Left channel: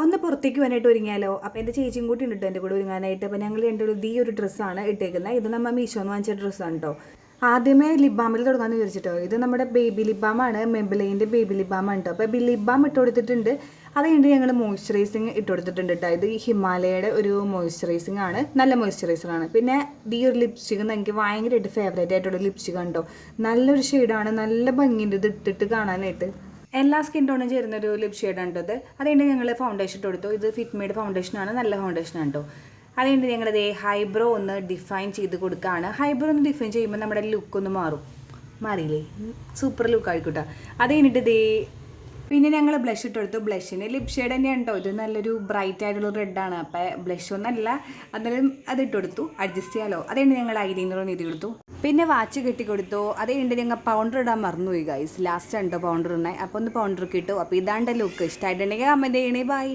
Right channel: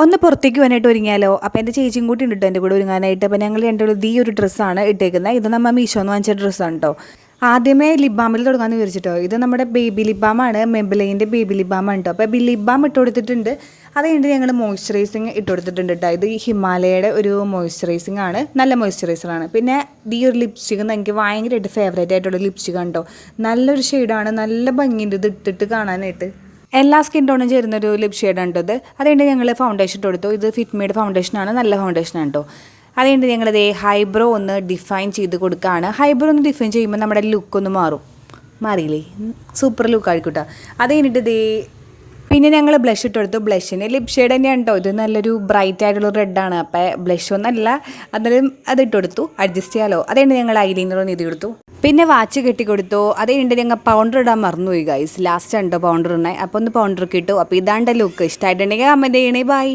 ഒന്ന് പുറത്തേക്ക് പോകാനായിട്ട് ഒരുങ്ങിയാലോ? അപ്പോൾ എൻ്റെ ചേച്ചിയും കൂടി ഉണ്ട് കേട്ടോ എൻ്റെ കൂടെ ഒരുങ്ങാനായിട്ട്. അപ്പോൾ ഞങ്ങൾ രണ്ടുപേരും ഈ ഒരു ഡ്രസ്സാണ് ഇട്ടേക്കുന്നത്. ഇത് നമ്മൾ മീഷോന്ന് വാങ്ങിച്ച ഡ്രസ്സാണ് കേട്ടോ. ആദ്യമേ ലിപ് ബാമിൽ തുടങ്ങാമെന്ന് വിചാരിച്ചിട്ടോ. ഇത് നമ്മുടെ ബേബി ലിപ് ബാമാണ്, മെബിലൈൻ്റെ ബേബി ലിപ് ബാമാണ് കേട്ടോ. അപ്പോൾ ലിപ് ബാം ഇട്ട് കൊടുത്തിട്ടുണ്ട്. അത് കഴിഞ്ഞിട്ട് ഞങ്ങൾ മോയ്സ്ചറൈസിങ് ഇട്ട് കൊടുത്തിട്ടുണ്ട് കേട്ടോ. ഇത് ഹിമാലയയുടെ ഒരു മോയ്സ്ചറൈസിങ് ആണ്, നല്ല മോയ്സ്ചറൈസറാണ്. പിന്നെ ഈ ഒരു ലിപ്സ്റ്റിക് എനിക്ക് ഭയങ്കരമായിട്ട് ഫേവറേറ്റ് ആയിട്ടുള്ള ലിപ്സ്റ്റിക് ആണ് കേട്ടോ. നല്ലൊരു ഷെയ്ഡാണ്, നല്ല ഭംഗിയുണ്ട് ഇത് ഇട്ടിട്ട് കാണാനായിട്ട്. എല്ലാ സ്കിൻ ടോണും ചേരുന്നൊരു ലിപ് ഷെയ്ഡാണ് ഇത്. അതുകൊണ്ട് ഞങ്ങൾ ഫൗണ്ടേഷൻ ഇട്ട് കൊടുത്തു. ഇത് ഫിറ്റ്മേഡ് ഫൗണ്ടേഷനാണ്, നല്ല ഫൗണ്ടേഷനാണ് കേട്ടോ. അതുകൊണ്ട് ഞങ്ങളിത് ഹൈബ്രോ ഒന്ന് ഡിഫൈൻ ചെയ്ത് കൊടുക്കുകയാണ്. ഹൈബ്രോ ഒന്ന് ഡിഫൈൻ ചെയ്യുമ്പോൾ നമ്മുടെ ലുക്ക് ഒന്ന് മാറിയില്ലേ, സൂപ്പർ ലുക്ക് ആയിക്കോട്ടെ. അത് കഴിഞ്ഞിട്ട് പിന്നെ ഞങ്ങൾ ബ്ലഷ് ഇട്ട് കൊടുത്തു. ബ്ലഷിന് ലിപ് ഷെയ്ഡ് തന്നെയാണ് കേട്ടോ. ഇത് നല്ലൊരു ബ്രൈറ്റ് ആയിട്ടുള്ള റെഡാണ്. അപ്പോൾ ബ്ലഷ് ഒന്നല്ല, അന്നേരം അത് ഇട്ട് കൊടുത്തു, അഡ്ജസ്റ്റ് ചെയ്യാമല്ലോ. അതുകൊണ്ട് ഞങ്ങൾ ഐലൈനർ ഒന്ന് ഇത് കൊടുത്തു. പിന്നെ വാച്ച് കെട്ടിക്കൊടുത്തു. അത് കഴിഞ്ഞിട്ട് ഞങ്ങൾ പൗണ്ടർ ഇടാൻ മറന്നുപോയി ഗൈസ്. ലാസ്റ്റ് ഉണ്ടോ പൗണ്ടർ ഇടണേ. അപ്പോൾ ഒന്ന് പൗണ്ടർ കിട്ടും. അപ്പോൾ ഇതാണ്ട് ലുക്ക്. ഇഷ്ടമായിട്ടുണ്ടെങ്കിൽ കമൻറ്റ് ചെയ്യണേ. ബൈ.